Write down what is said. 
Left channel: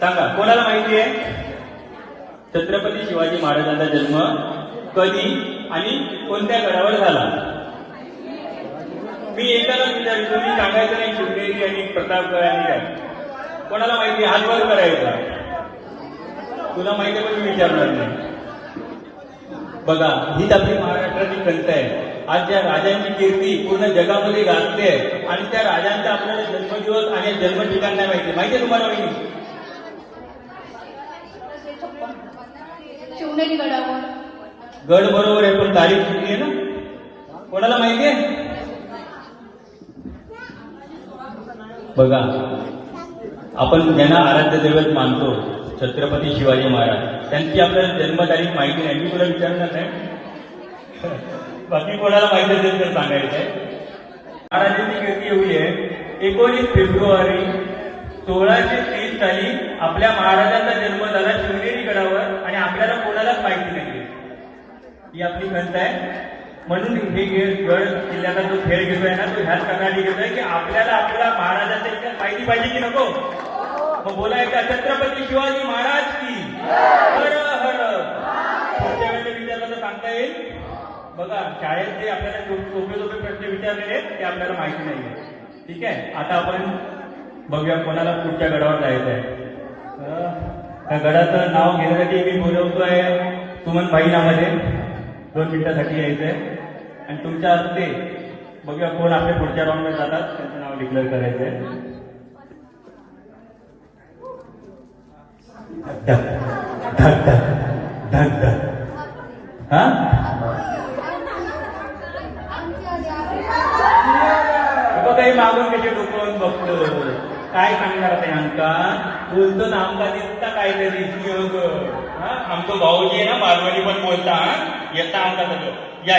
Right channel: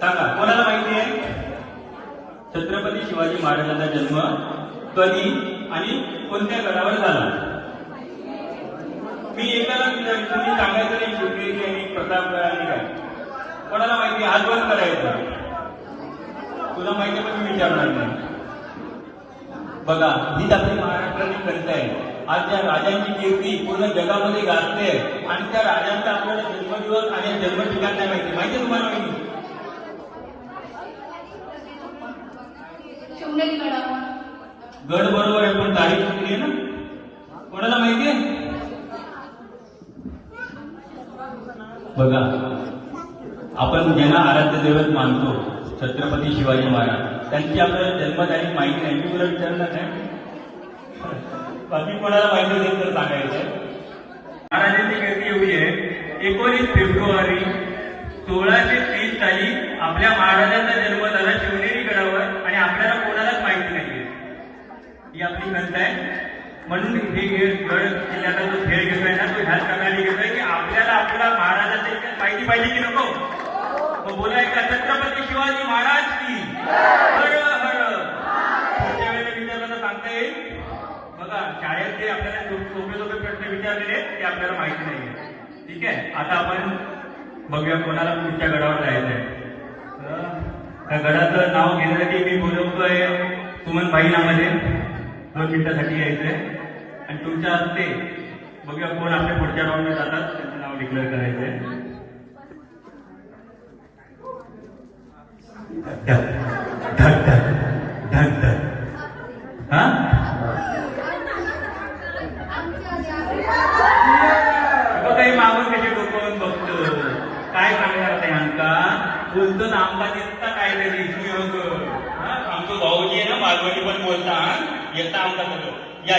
सांगा कोणाला माहिती आहे? छत्रपती शिवाजी महाराजांचा जन्म कधी आणि कोणत्या घरावर झाला? मी एकाला विचार तुम्ही सांगायचं नाही शिवनेरी आणि प्रतापगड आणि काय कोणाला माहिती आहे? हात वर करायचा. तुला माहिती आहे विचारणार नाही. बघा हीच आपली महाराष्ट्राची खंत आहे. आज त्या राजांची कीर्ती पूर्ण जगामध्ये गाजते आणि त्या राजांचा आपल्याला जन्मदिवस आणि जन्म ठिकाण नाही माहिती माहिती आहे तुम्हाला माहिती शिवनेरी गडावर गड बरोबर आहे पण तारीख कुठली ना? कोणाला माहिती आहे? बघा आपण ज्यांना आराध्य दैवत मानतो छत्रपती शिवाजी महाराज त्यांची आपल्याला जन्मतारीख माहिती नाही. मी तुला विचारलं नाही. बाकी कोणाला माहिती असेल तर सांगायचं महाराजांची गर्दी एवढी आहे एकोणीस फेब्रुवारी सोळाशे तीस साली आपल्या महाराजांचा जन्म झाला शिवनेरी गडावर आणि आपल्याला कोणालाच माहिती नाही ही आपली खंत आहे. म्हणून हे गड किल्ल्याचा जो खेळ घेतोय ना तो ह्याच कारणाने घेतोय की आपल्याला आपल्या महाराजांचा इतिहास माहिती पाहिजे की नको. मग बोलाय का छत्रपती शिवाजी महाराज की? हर हर. वेळेला विचारलं तर सांगता येईल? बघा शाळेत जे आपल्याला सोपे सोपे प्रश्न विचारलेले ते आपल्याला माहिती नाहीये. ठीक आहे? आता आपण बघूया कोणाला पुढच्या गडावर जायचं आहे त्या गडाचं नाव घेण्यासाठी मी बोलवतोय सुमन भाई नावाचे दोन मिनिटासाठी यायचं आहे आणि तुमच्या हस्ते बघूया कोण आपल्या पुढच्या राऊंडमध्ये जातात. त्यांचं नाव डिक्लेअर करायचंय. धक, काही मागून कसे डोकवून बघतो काय सांगणार नाही आमका बोलतो ना आमका दिसता काहीतरी. योग आमचं भाऊजी ना मारवाडी पण बोलता येता आमका या